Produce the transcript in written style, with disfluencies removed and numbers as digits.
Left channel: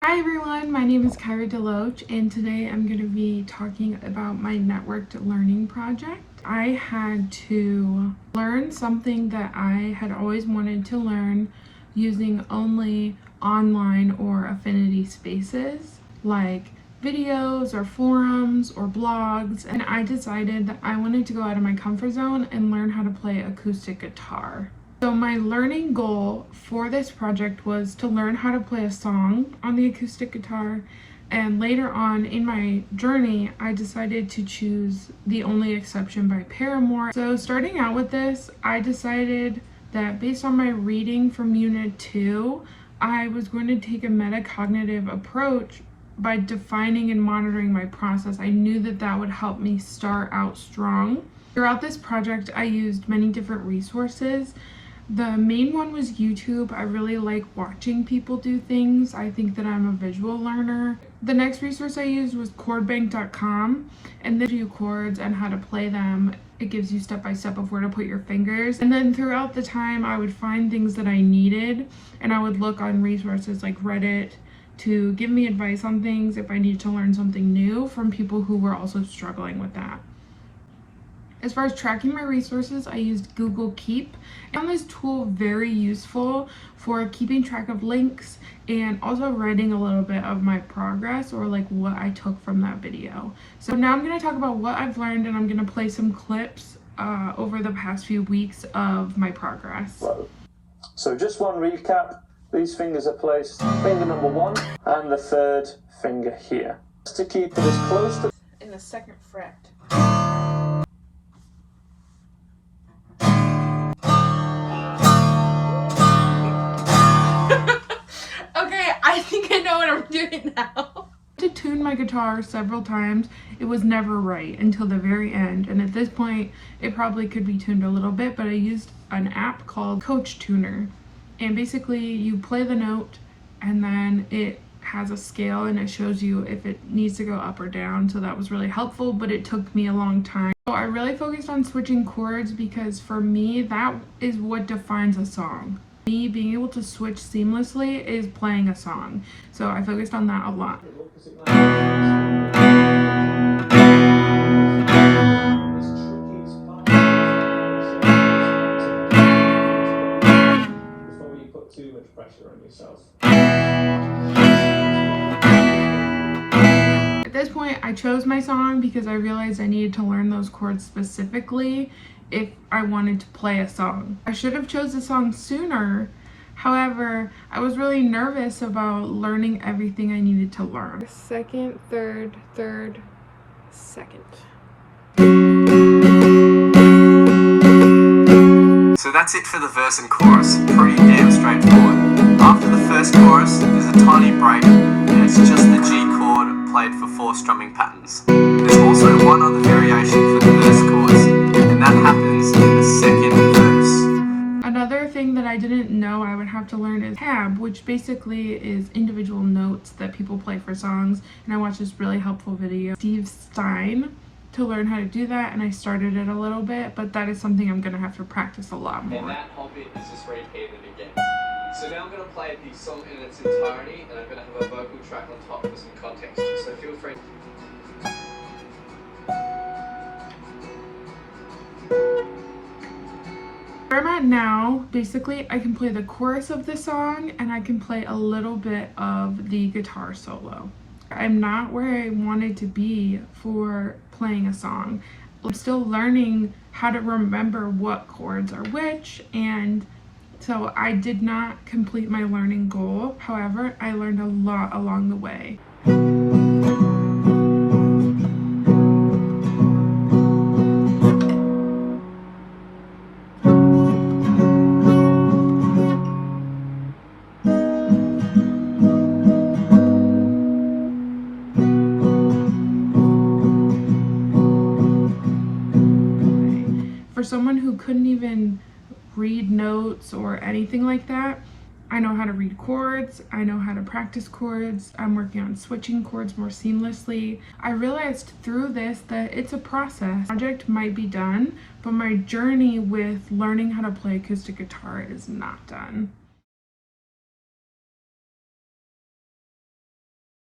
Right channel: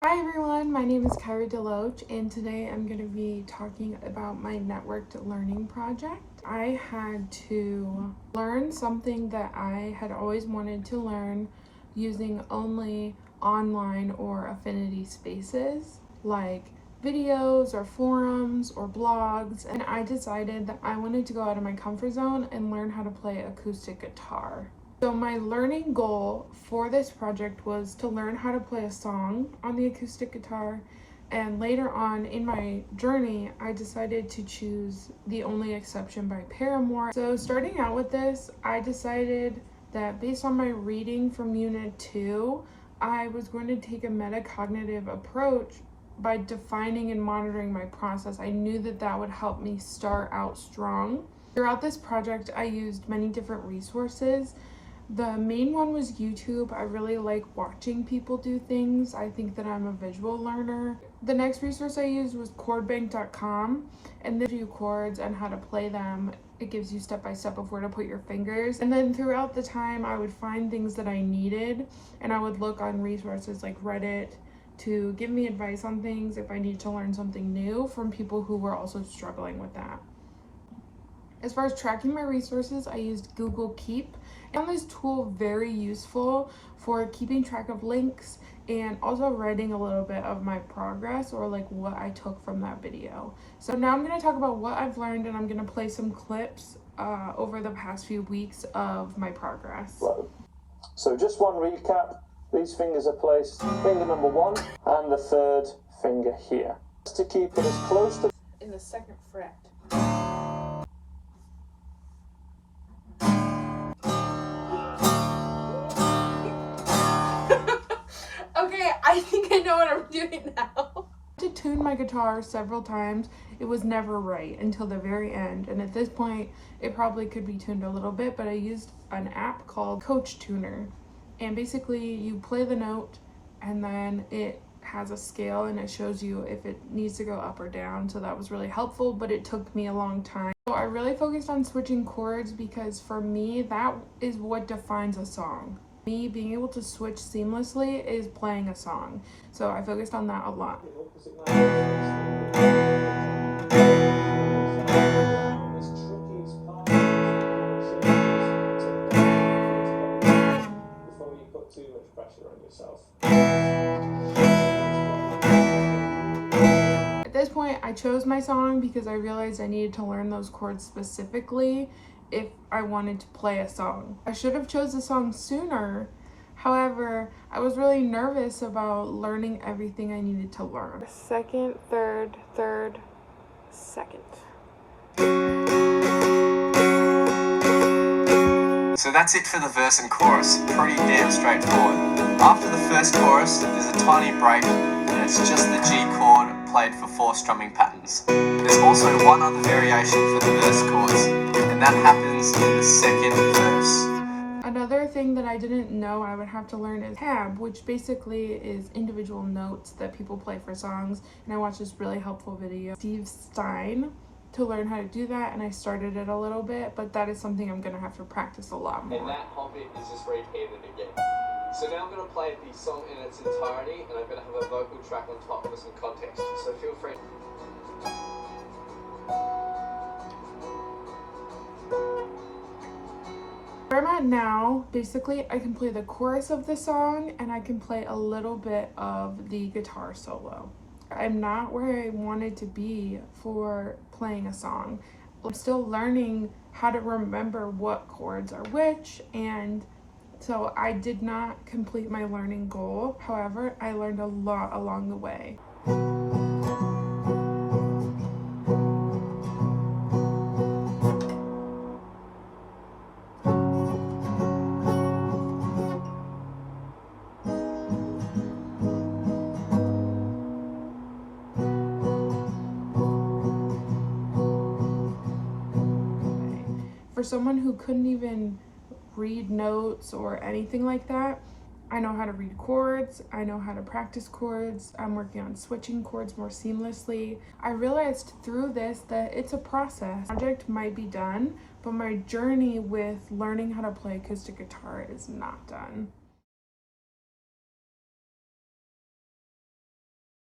Hi everyone, my name is Kyra Deloach and today I'm going to be talking about my networked learning project. I had to learn something that I had always wanted to learn using only online or affinity spaces like videos or forums or blogs, and I decided that I wanted to go out of my comfort zone and learn how to play acoustic guitar. So my learning goal for this project was to learn how to play a song on the acoustic guitar, and later on in my journey I decided to choose The Only Exception by Paramore. So starting out with this, I decided that based on my reading from Unit 2, I was going to take a metacognitive approach by defining and monitoring my process. I knew that that would help me start out strong. Throughout this project, I used many different resources. The main one was YouTube. I really like watching people do things. I think that I'm a visual learner. The next resource I used was chordbank.com, and they give you chords and how to play them. It gives you step-by-step of where to put your fingers. And then throughout the time, I would find things that I needed, and I would look on resources like Reddit to give me advice on things if I needed to learn something new from people who were also struggling with that. As far as tracking my resources, I used Google Keep. I found this tool very useful for keeping track of links and also writing a little bit of my progress or like what I took from that video. So now I'm going to talk about what I've learned, and I'm going to play some clips over the past few weeks of my progress. So just one recap. These fingers are placed finger number 1 and the third finger here. Just to keep it as close to in the second fret. I think I know what I'm doing now. To tune my guitar several times, it was never right until the very end, and at this point it probably could be tuned a little bit, but I used an app called Coach Tuner, and basically you play the note and then it has a scale and it shows you if it needs to go up or down. So that was really helpful, but it took me a long time. So I really focused on switching chords because for me that is what defines a song. Me being able to switch seamlessly is playing a song, so I focused on that a lot. before you put too much pressure on yourself. At this point, I chose my song because I realized I needed to learn those chords specifically if I wanted to play a song. I should have chose the song sooner. However, I was really nervous about learning everything I needed to learn. Second, third, second. So that's it for the verse and chorus. Pretty damn straightforward. After the first chorus, there's a tiny break, and it's just the G chord played for 4 strumming patterns. There's also one other variation for the verse chorus, and that happens in the second verse. Another thing that I didn't know I would have to learn is tab, which basically is individual notes that people play for songs, and I watched this really helpful video, Steve Stein, to learn how to do that, and I started it a little bit, but that is something I'm going to have to practice a lot more. And that whole bit is just repeated again. So now I'm going to play the song in its entirety, and I'm going to have a vocal track on top for some context, so feel free. Where I'm at now, basically I can play the chorus of the song and I can play a little bit of the guitar solo. I'm not where I wanted to be for playing a song. I'm still learning how to remember what chords are which, and so I did not complete my learning goal. However, I learned a lot along the way. For someone who couldn't even read notes or anything like that, I know how to read chords, I know how to practice chords, I'm working on switching chords more seamlessly. I realized through this that it's a process. The project might be done, but my journey with learning how to play acoustic guitar is not done.